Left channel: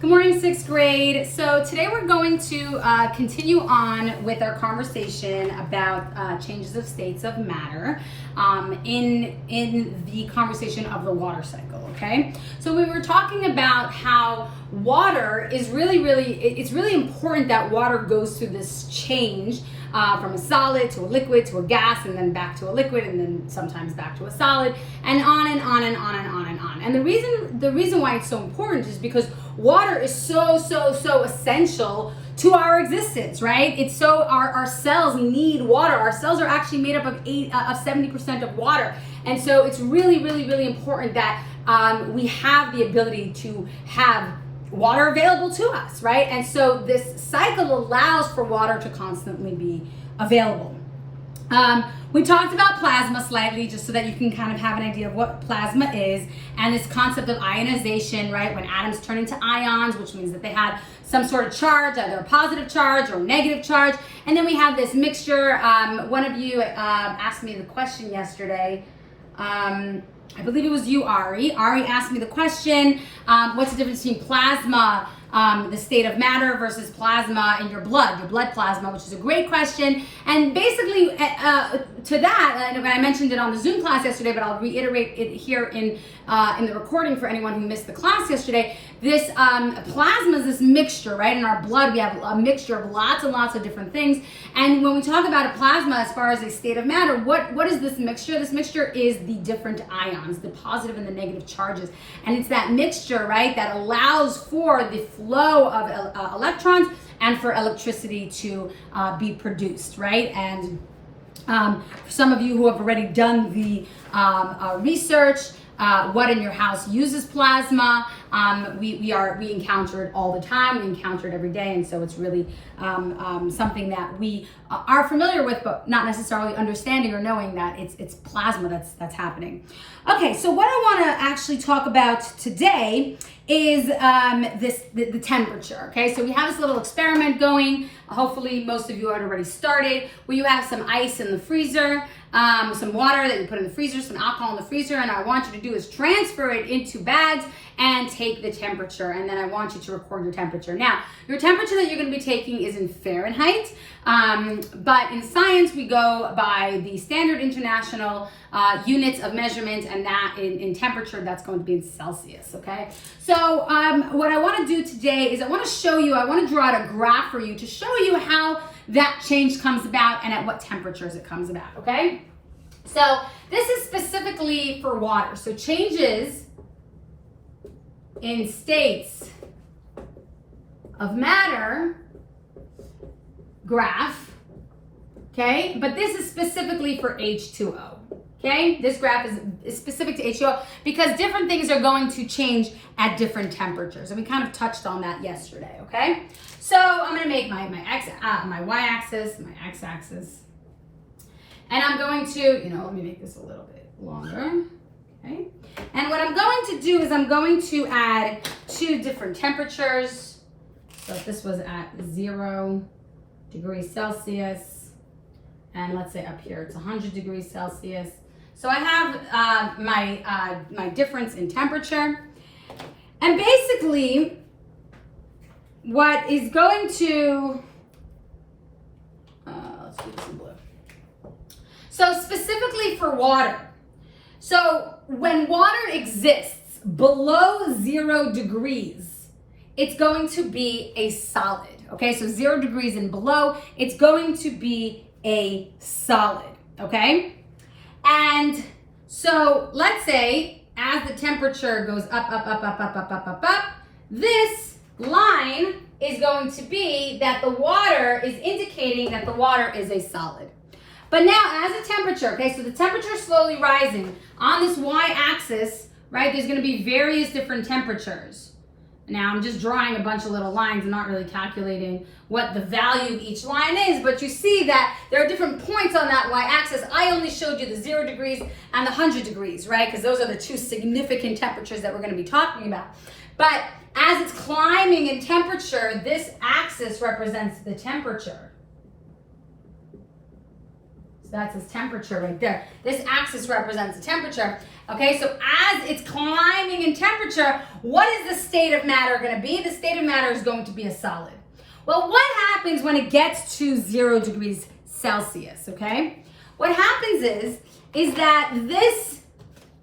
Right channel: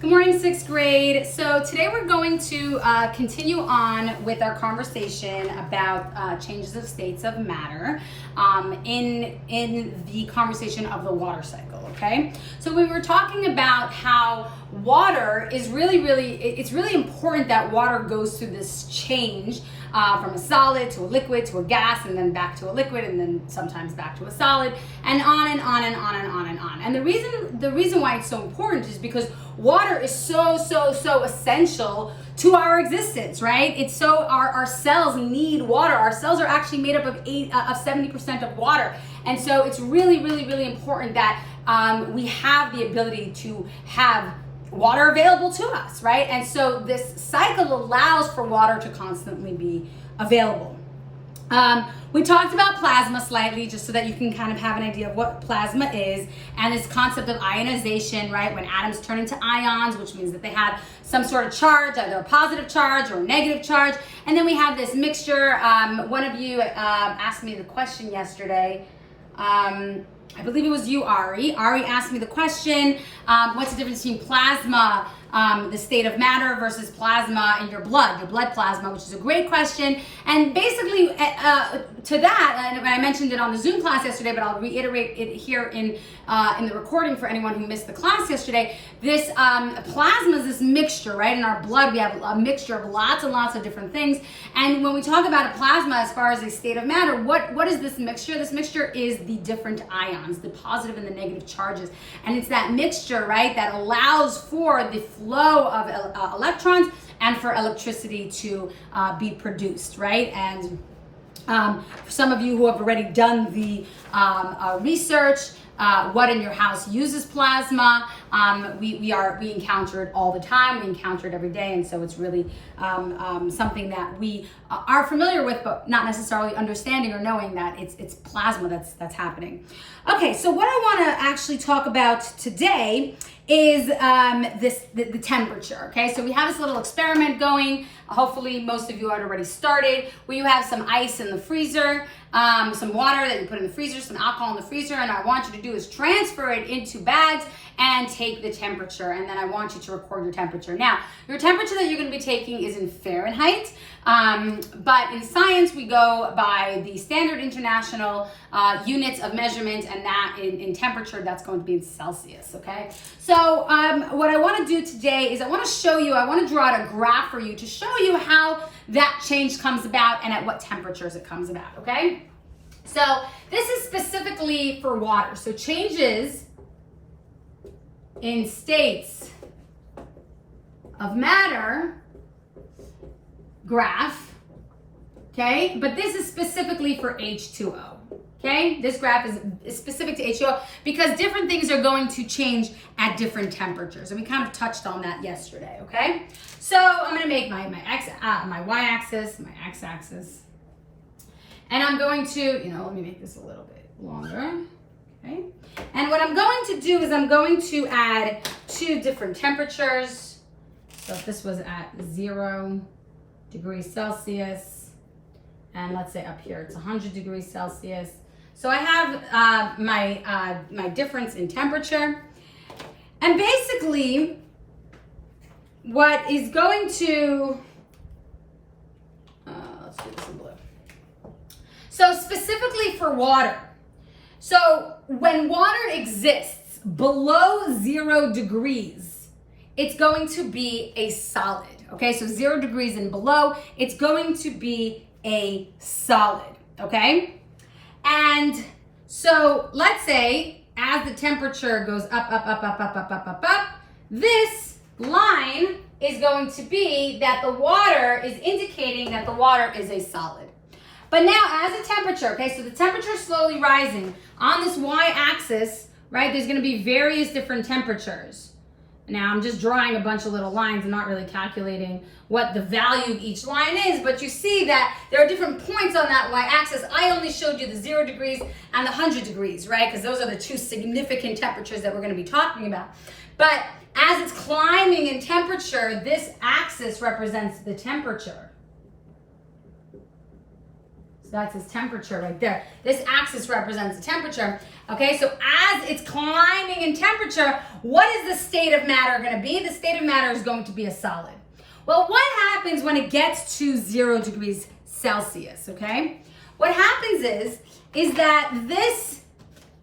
Good morning, sixth grade. So today we're going to continue on with our conversation about changes of states of matter in the conversation of the water cycle, okay? So we were talking about how water is it's really important that water goes through this change from a solid to a liquid to a gas and then back to a liquid and then sometimes back to a solid and on and on and on and on and on. And the reason why it's so important is because water is so essential to our existence, right? It's so our cells need water. Our cells are actually made up of 70% of water. And so it's really important that we have the ability to have water available to us, right? And so this cycle allows for water to constantly be available. We talked about plasma slightly, just so that you can kind of have an idea of what plasma is, and this concept of ionization, right? When atoms turn into ions, which means that they have some sort of charge, either a positive charge or negative charge. And then we have this mixture. One of you asked me the question yesterday. I believe it was you, Ari. Ari asked me the question, what's the difference between plasma, the state of matter, versus plasma in your blood plasma, which is a great question. And basically to that, and I mentioned it on the Zoom class yesterday, but I'll reiterate it here in the recording for anyone who missed the class yesterday. This plasma is this mixture, right? In our blood, we have a mixture of lots and lots of different things. And when we talk about a plasma as far as a state of matter, what is this mixture? This mixture is the different ions, the positive and the negative charges. And it's that mixture, right, that allows for the flow of electrons and for electricity to be produced, right? And for some of you who have already done the research, what in your house uses plasma, we encounter it all the time. We encounter it every day, and so it's really something that we are familiar with, but not necessarily understanding or knowing that it's plasma that's happening. Okay, so what I want to actually talk about today is the temperature. Okay, so we have this little experiment going. Hopefully, most of you had already started, where you have some ice in the freezer. Some water that you put in the freezer, some alcohol in the freezer, and I want you to do is transfer it into bags and take the temperature, and then I want you to record your temperature. Now, your temperature that you're going to be taking is in Fahrenheit, but in science we go by the standard international units of measurement, and that in temperature, that's going to be in Celsius, okay? So what I want to do today is I want to draw out a graph for you to show you how that change comes about and at what temperatures it comes about, okay? So this is specifically for water. So changes in states of matter graph, okay? But this is specifically for H2O, okay? This graph is specific to H2O because different things are going to change at different temperatures. And we kind of touched on that yesterday, okay? So I'm gonna make my y-axis, my x-axis. And I'm going to, let me make this a little bit longer, okay? And what I'm going to do is I'm going to add two different temperatures. So if this was at 0 degrees Celsius, and let's say up here it's 100 degrees Celsius. So I have my difference in temperature. And basically, what is going to, let's do this in blue. So specifically for water. So when water exists below 0 degrees, it's going to be a solid. Okay, so 0 degrees and below, it's going to be a solid, okay? And so let's say as the temperature goes up, this line is going to be that the water is indicating that the water is a solid. But now as the temperature, okay, so the temperature is slowly rising on this y-axis, right? There's gonna be various different temperatures. Now I'm just drawing a bunch of little lines. I'm not really calculating what the value of each line is, but you see that there are different points on that y-axis. I only showed you the 0 degrees and the 100 degrees, right? Because those are the two significant temperatures that we're gonna be talking about. But as it's climbing in temperature, this axis represents the temperature. So that's its temperature right there. This axis represents the temperature. Okay, so as it's climbing in temperature, what is the state of matter going to be? The state of matter is going to be a solid. Well, what happens when it gets to 0 degrees Celsius, okay? What happens is that this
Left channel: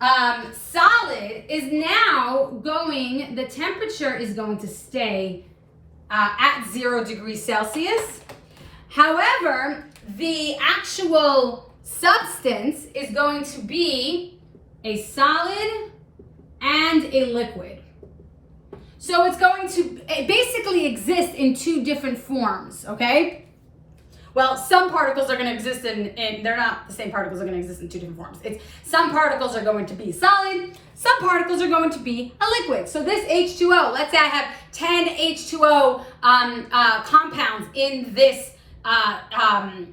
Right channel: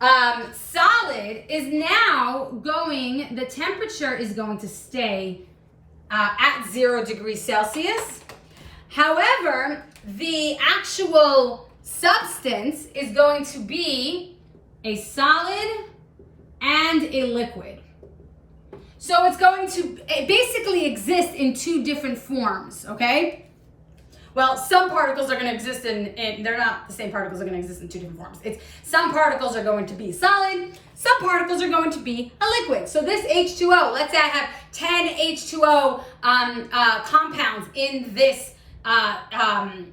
solid is now going, the temperature is going to stay at 0 degrees Celsius. However, the actual substance is going to be a solid and a liquid. So it's going to basically exist in two different forms, okay? Well, some particles are going to exist in they're not the same particles are going to exist in two different forms. Some particles are going to be solid, some particles are going to be a liquid. So this H2O, let's say I have 10 H2O compounds in this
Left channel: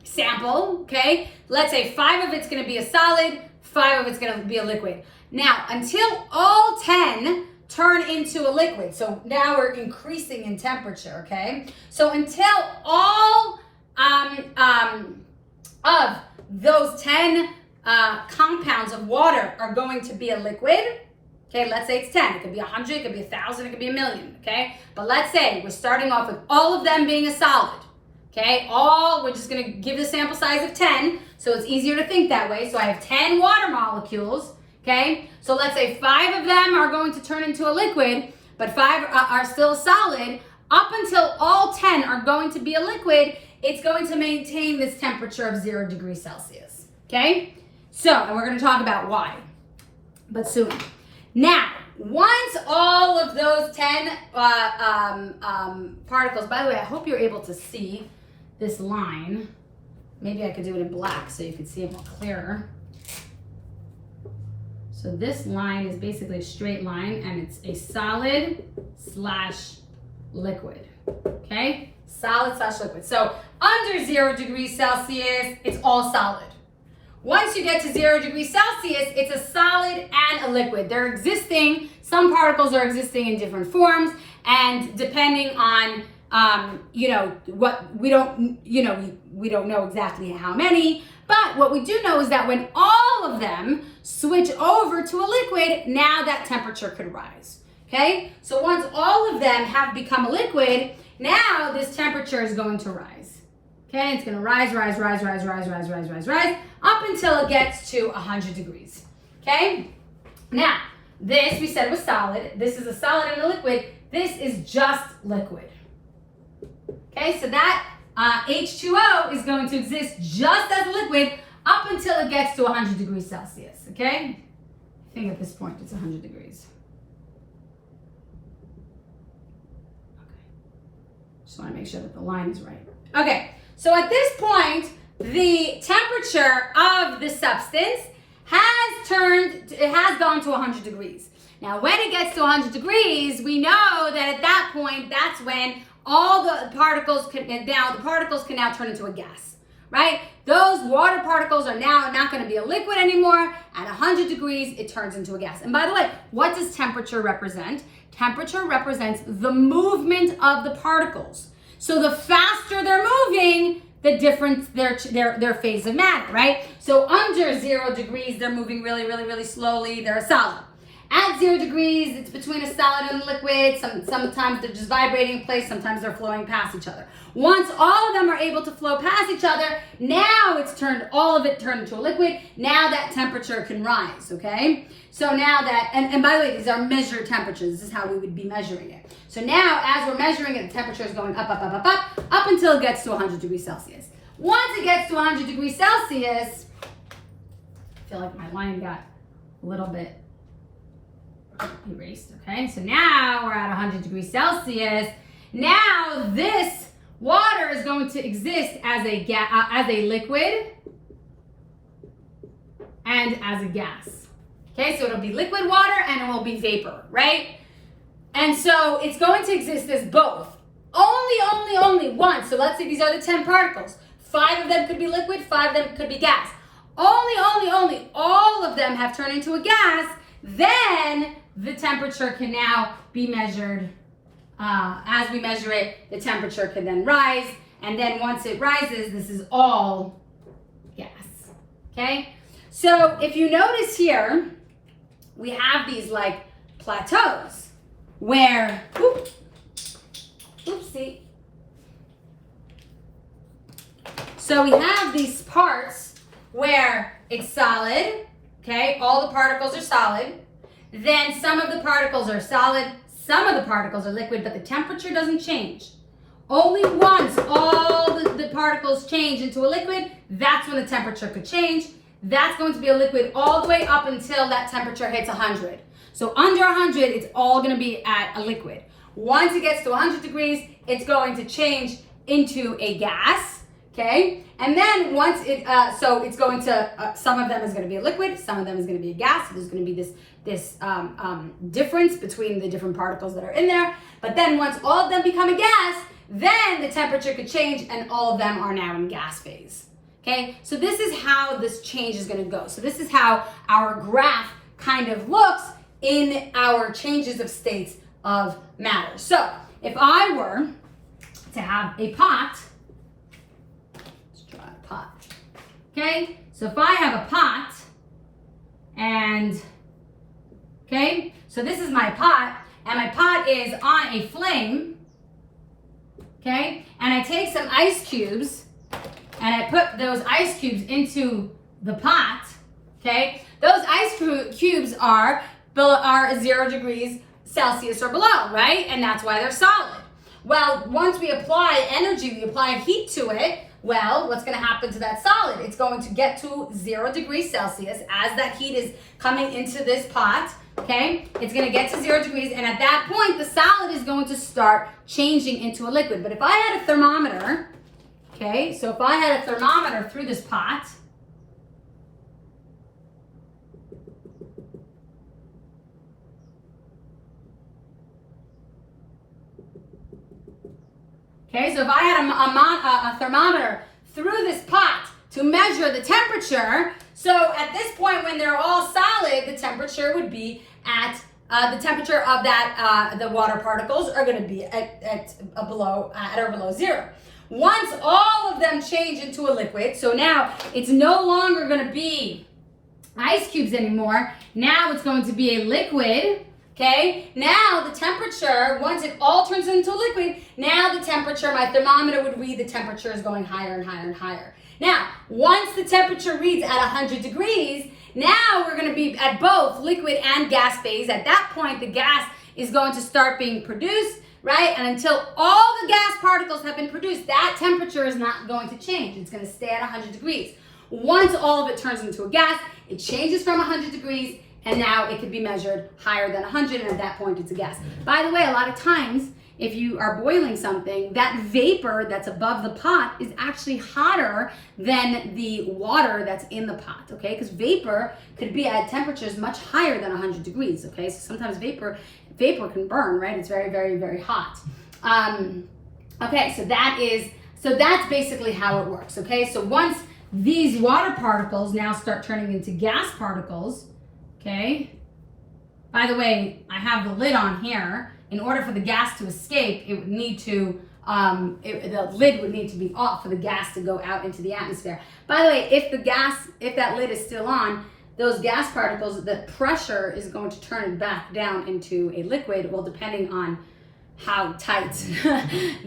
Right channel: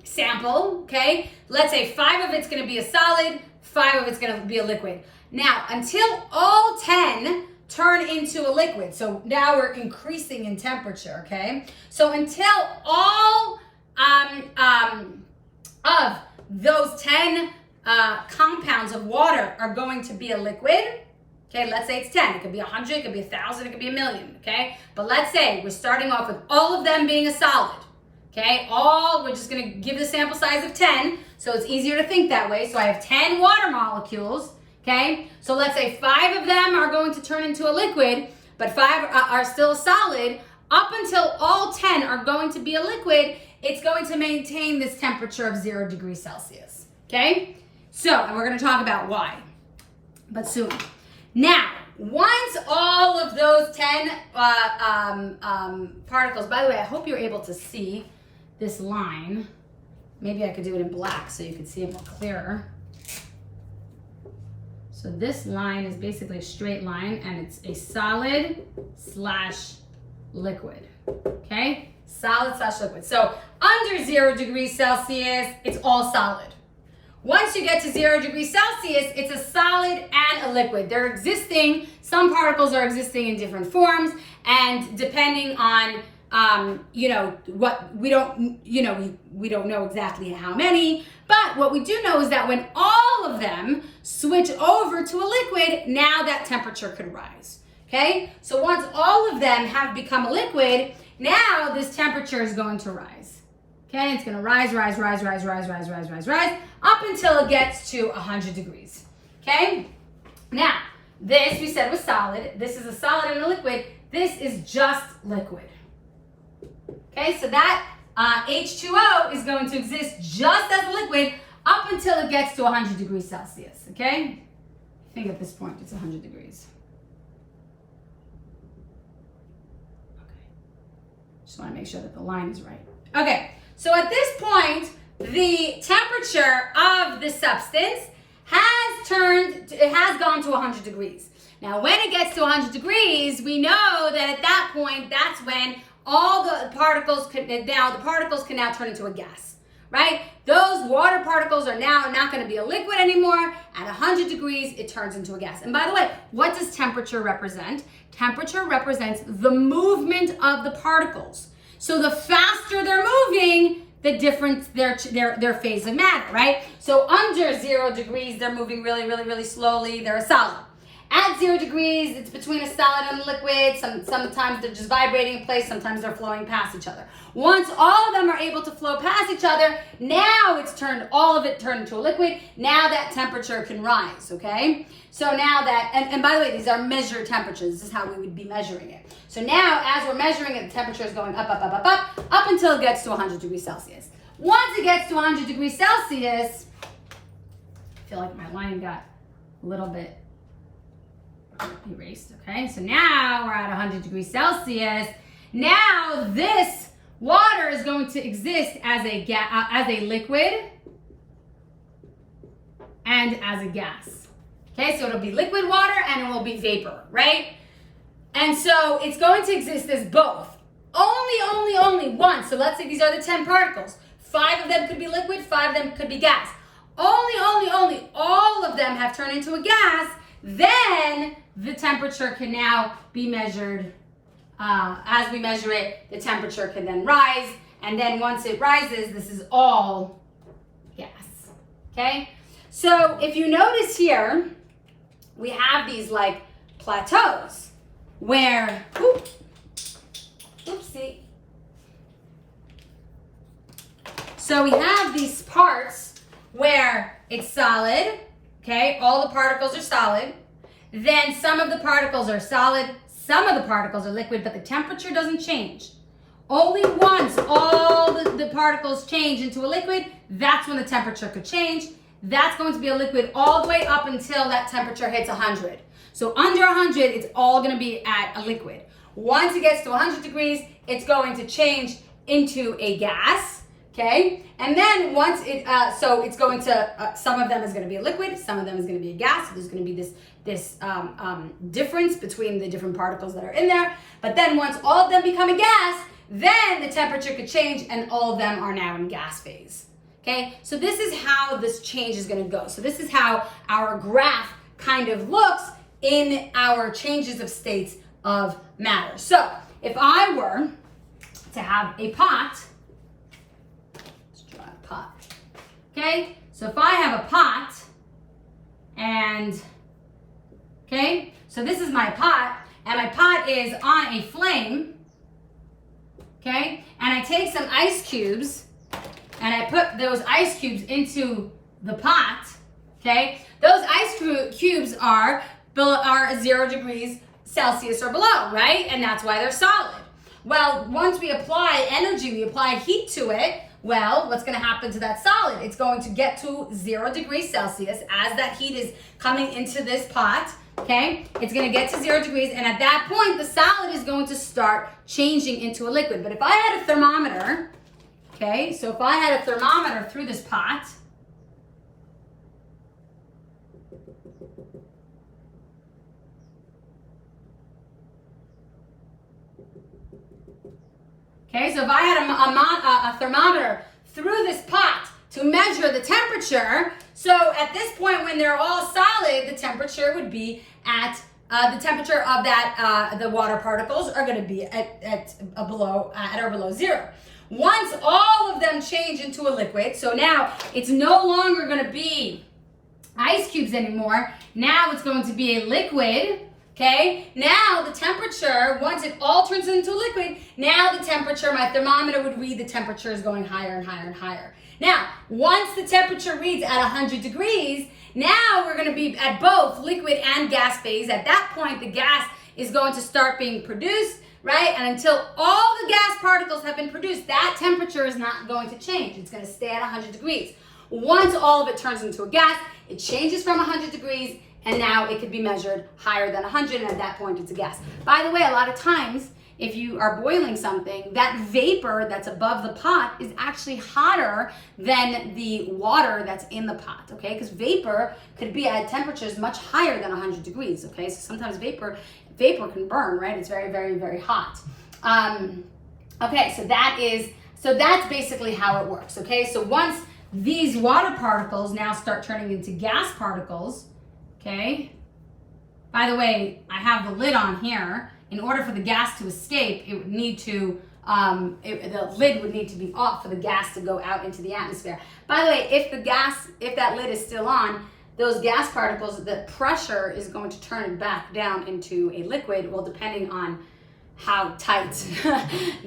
sample, okay? Let's say 5 of it's going to be a solid, 5 of it's going to be a liquid. Now, until all 10 turn into a liquid, so now we're increasing in temperature, okay? So until all of those 10 compounds of water are going to be a liquid, okay, let's say it's 10, it could be 100, it could be 1,000, it could be a million, okay? But let's say we're starting off with all of them being a solid, okay? We're just gonna give the sample size of 10, so it's easier to think that way. So I have 10 water molecules, okay? So let's say 5 of them are going to turn into a liquid, but 5 are still solid. Up until all 10 are going to be a liquid, it's going to maintain this temperature of 0 degrees Celsius, okay? So, and we're gonna talk about why, but soon. Now, once all of those 10 particles, by the way, I hope you're able to see this line. Maybe I could do it in black so you can see it more clearer. So this line is basically a straight line and it's a solid slash liquid, okay? Solid slash liquid. So under 0 degrees Celsius, it's all solid. Once you get to 0 degrees Celsius, it's a solid and a liquid. They're existing, some particles are existing in different forms, and depending on, what we don't know exactly how many, but what we do know is that when all of them switch over to a liquid, now that temperature could rise, okay? So once all of them have become a liquid, now this temperature is going to rise, okay? It's gonna rise, up until it gets to 100 degrees, okay? Now, this we said was solid. This is a solid and a liquid. This is just liquid, okay? So that H2O is going to exist just as a liquid up until it gets to 100 degrees Celsius, okay? I think at this point it's 100 degrees. Okay. Just want to make sure that the line is right. Okay, so at this point, the temperature of the substance has gone to 100 degrees. Now, when it gets to 100 degrees, we know that at that point, that's when all the particles can now turn into a gas, right? Those water particles are now not going to be a liquid anymore. At 100 degrees, it turns into a gas. And by the way, what does temperature represent? Temperature represents the movement of the particles. So the faster they're moving, the difference their phase of matter, right? So under 0 degrees, they're moving really slowly. They're a solid. At 0 degrees, it's between a solid and a liquid. Sometimes they're just vibrating in place. Sometimes they're flowing past each other. Once all of them are able to flow past each other, now all of it turned into a liquid. Now that temperature can rise, okay? So now that, and by the way, these are measured temperatures. This is how we would be measuring it. So now, as we're measuring it, the temperature is going up until it gets to 100 degrees Celsius. Once it gets to 100 degrees Celsius, I feel like my line got a little bit erased, okay? So now we're at 100 degrees Celsius. Now this water is going to exist as a liquid and as a gas. Okay, so it'll be liquid water and it will be vapor, right? And so it's going to exist as both. Only once. So let's say these are the 10 particles. 5 of them could be liquid, 5 of them could be gas. Only all of them have turned into a gas. Then the temperature can now be measured. As we measure it, the temperature can then rise. And then once it rises, this is all gas. Okay? So if you notice here, we have these like plateaus where, oopsie. So we have these parts where it's solid, okay? All the particles are solid. Then some of the particles are solid, some of the particles are liquid, but the temperature doesn't change. Only once all the particles change into a liquid, that's when the temperature could change. That's going to be a liquid all the way up until that temperature hits 100. So under 100, it's all going to be at a liquid. Once it gets to 100 degrees, it's going to change into a gas, okay? And then once so it's going to, some of them is going to be a liquid, some of them is going to be a gas. So there's going to be this difference between the different particles that are in there. But then once all of them become a gas, then the temperature could change and all of them are now in gas phase. Okay, so this is how this change is going to go. So this is how our graph kind of looks in our changes of states of matter. So if I were to have a pot, let's draw a pot. Okay, so if I have a pot and, okay, so this is my pot and my pot is on a flame. Okay, and I take some ice cubes and I put those ice cubes into the pot, okay? Those ice cubes are 0 degrees Celsius or below, right? And that's why they're solid. Well, once we apply energy, we apply heat to it, well, what's gonna happen to that solid? It's going to get to 0 degrees Celsius as that heat is coming into this pot. Okay, it's going to get to 0 degrees, and at that point, the solid is going to start changing into a liquid. But if I had a thermometer, okay, so if I had a thermometer through this pot, okay, so if I had a thermometer through this pot to measure the temperature, so at this point when they're all solid, the temperature would be at the temperature of that the water particles are going to be at or below 0. Once all of them change into a liquid, so now it's no longer going to be ice cubes anymore. Now it's going to be a liquid. Okay, now the temperature, once it all turns into a liquid, now the temperature, my thermometer would read the temperature is going higher and higher and higher. Now, once the temperature reads at 100 degrees, now we're going to be at both liquid and gas phase. At that point, the gas is going to start being produced, right? And until all the gas particles have been produced, that temperature is not going to change. It's going to stay at 100 degrees. Once all of it turns into a gas, it changes from 100 degrees, and now it could be measured higher than 100, and at that point, it's a gas. By the way, a lot of times, if you are boiling something, that vapor that's above the pot is actually hotter than the water that's in the pot, okay? Because vapor could be at temperatures much higher than 100 degrees, okay? So sometimes vapor can burn, right? It's very, very, very hot. Okay, so that's basically how it works, okay? So once these water particles now start turning into gas particles, okay? By the way, I have the lid on here. In order for the gas to escape, it would need to, the lid would need to be off for the gas to go out into the atmosphere. By the way, if that lid is still on, those gas particles, the pressure is going to turn it back down into a liquid, well, depending on how tight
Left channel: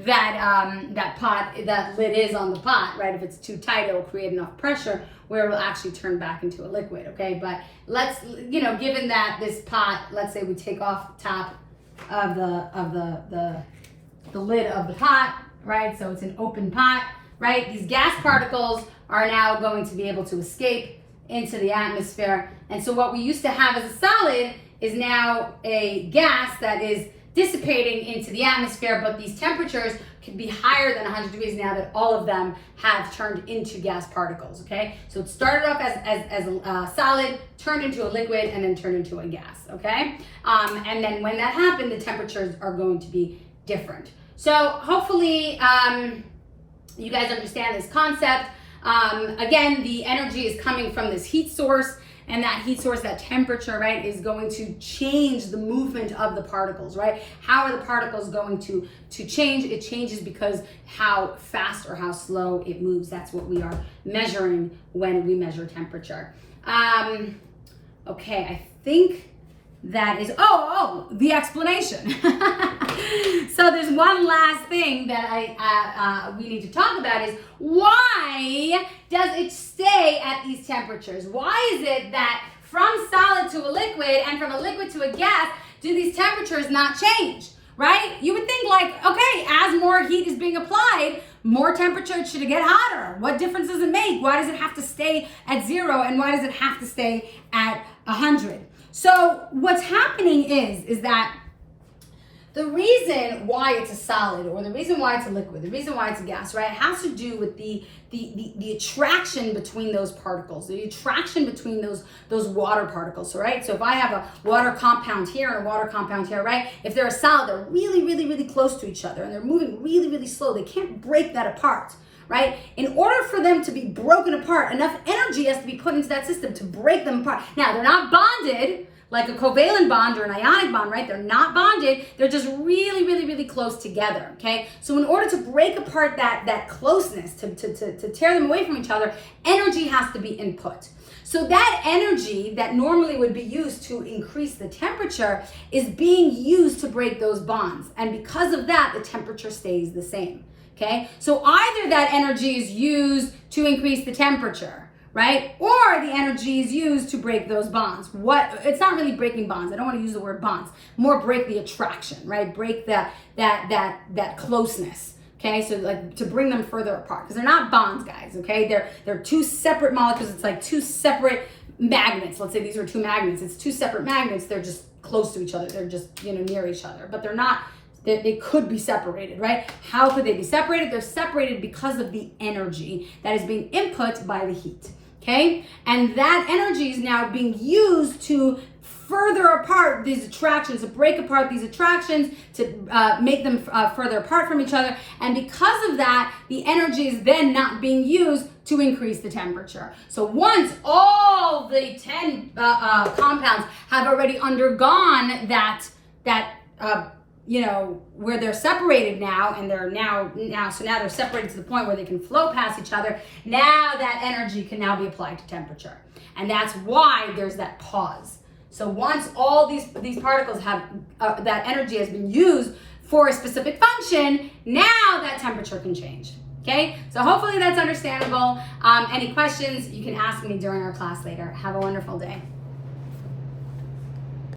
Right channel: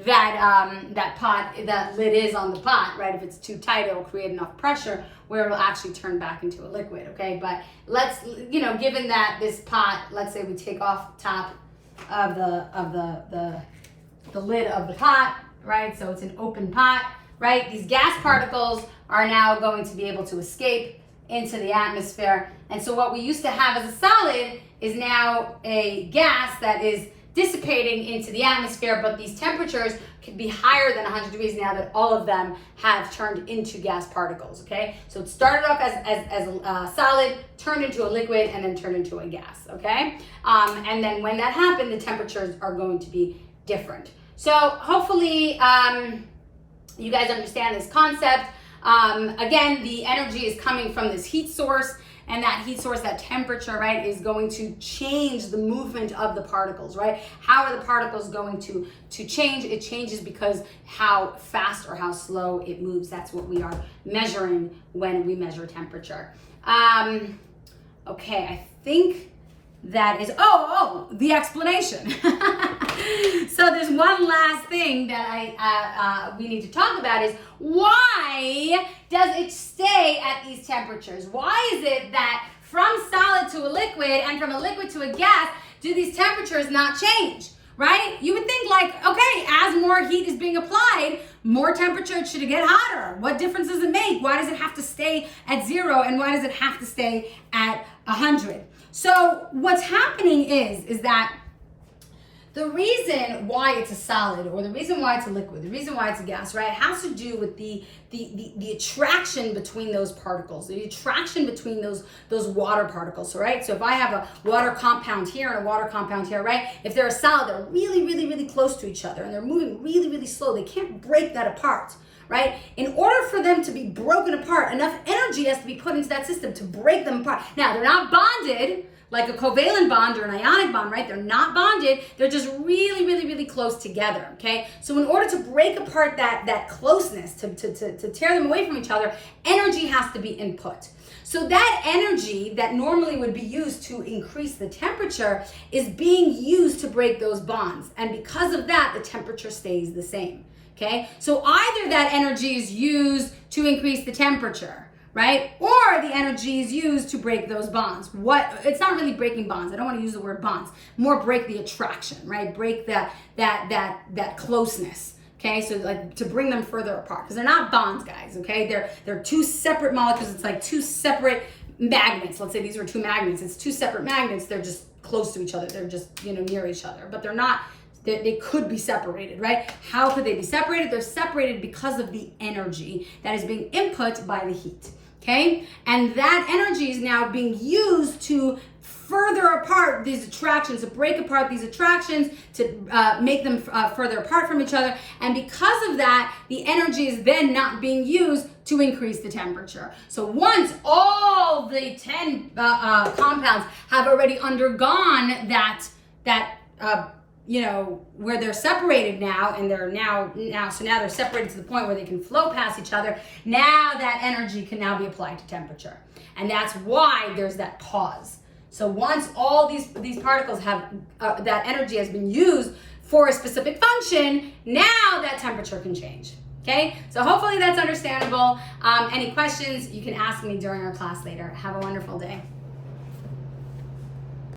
that lid is on the pot, right? If it's too tight, it will create enough pressure where it will actually turn back into a liquid, okay? But let's, given that this pot, let's say we take off the top of the lid of the pot, right? So it's an open pot, right? These gas particles are now going to be able to escape into the atmosphere. And so what we used to have as a solid is now a gas that is dissipating into the atmosphere, but these temperatures could be higher than 100 degrees now that all of them have turned into gas particles, okay? So it started off as a solid, turned into a liquid, and then turned into a gas, okay? And then when that happened, the temperatures are going to be different. So hopefully you guys understand this concept. Again, the energy is coming from this heat source, and that heat source, that temperature, right, is going to change the movement of the particles, right? How are the particles going to change? It changes because how fast or how slow it moves. That's what we are measuring when we measure temperature. Okay, I think that is, the explanation. So there's one last thing that we need to talk about is why does it stay at these temperatures? Why is it that from solid to a liquid and from a liquid to a gas, do these temperatures not change, right? You would think like, okay, as more heat is being applied, more temperature, it should get hotter. What difference does it make? Why does it have to stay at 0 and why does it have to stay at 100? So what's happening is that the reason why it's a solid or the reason why it's a liquid, the reason why it's a gas, right, has to do with the attraction between those particles, the attraction between those water particles, right? So if I have a water compound here and a water compound here, right, if they're a solid, they're really, really, really close to each other and they're moving really, really slow. They can't break that apart, right? In order for them to be broken apart, enough energy has to be put into that system to break them apart. Now, they're not bonded like a covalent bond or an ionic bond, right? They're not bonded. They're just really, really, really close together, okay? So in order to break apart that closeness, to tear them away from each other, energy has to be input. So that energy that normally would be used to increase the temperature is being used to break those bonds. And because of that, the temperature stays the same, okay? So either that energy is used to increase the temperature, right? Or the energy is used to break those bonds. It's not really breaking bonds. I don't want to use the word bonds. More break the attraction, right? Break that closeness. Okay, so like to bring them further apart because they're not bonds, guys. Okay, they're two separate molecules. It's like two separate magnets. Let's say these are two magnets. It's two separate magnets. They're just close to each other. They're just near each other, but they're not. They could be separated, right? How could they be separated? They're separated because of the energy that is being input by the heat. Okay, and that energy is now being used to further apart these attractions, to break apart these attractions, to make them further apart from each other. And because of that, the energy is then not being used to increase the temperature. So once all the 10 compounds have already undergone that where they're separated now, and they're now they're separated to the point where they can float past each other. Now that energy can now be applied to temperature. And that's why there's that pause. So once all these particles have, that energy has been used for a specific function, now that temperature can change. Okay, so hopefully that's understandable. Any questions, you can ask me during our class later. Have a wonderful day.